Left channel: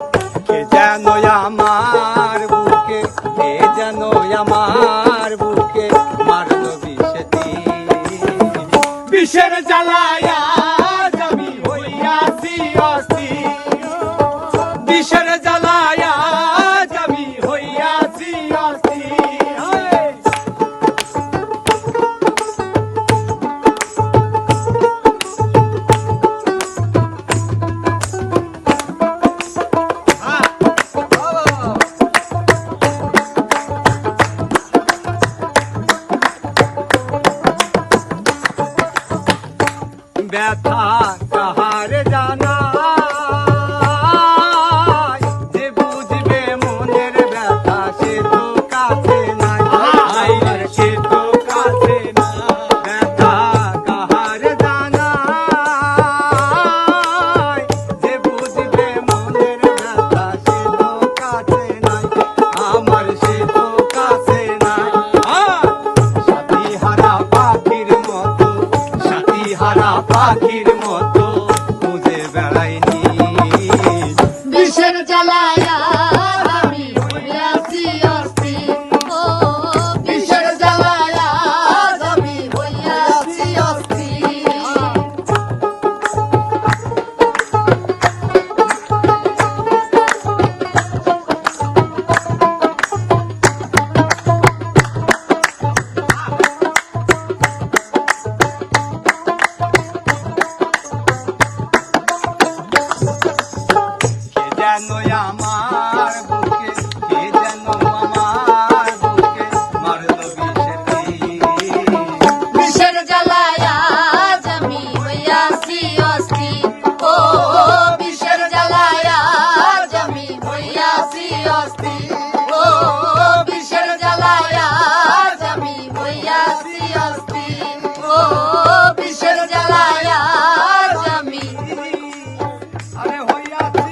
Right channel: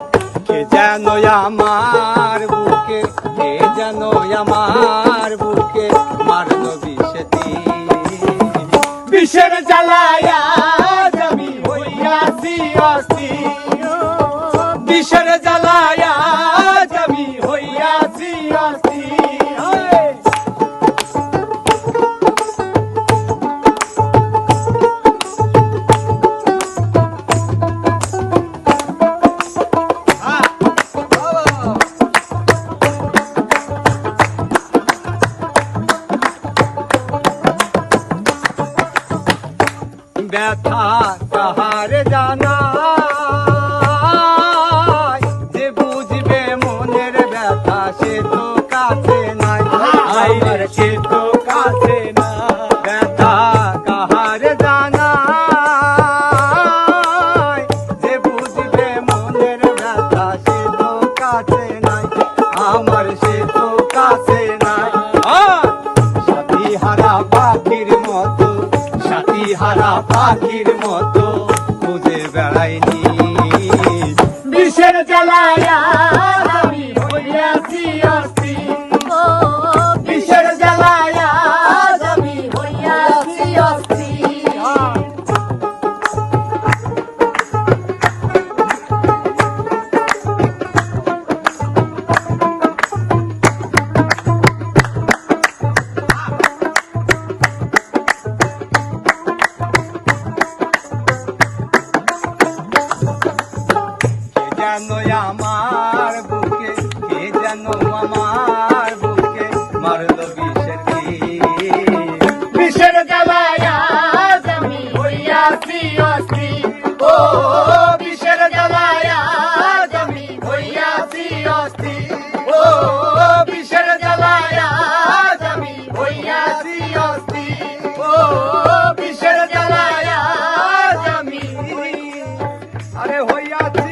কে যেন আমার বুকে, কে যেন আমার বুকে মারলো বিষেতি। বিষের জ্বালায় আজ আমি হইয়াছি অস্থির, বিষের জ্বালায় আজ আমি হইয়াছি অস্থির। ব্যথা কাহার জানা, যে বুঝবে মনের ব্যথা সে তো কাছে নাই, আইরে সে তো কাছে না। ব্যথা কাহার জানা, যে বুঝবে মনের ব্যথা সে তো কাছে নাই, আমার সে তো কাছে নাই। সাথী হারা পাখির মতো, সাথী হারা পাখির মতো খুঁজে বেড়াইনি। বিষের জ্বালায় আমি হইয়াছি অস্থির, বিষের জ্বালায় আমি হইয়াছি অস্থির। যেন আমার বুকে, কে যেন আমার বুকে মারলো বিষেতি। বিষের জ্বালায় আজ আমি হইয়াছি অস্থির, ও বিষের জ্বালায় আজ আমি হইয়াছি অস্থির, ও বিষের জ্বালায় আজ আমি হইয়াছি অস্থির, ও বিষের জ্বালায় আজ আমি আরে হইয়াছি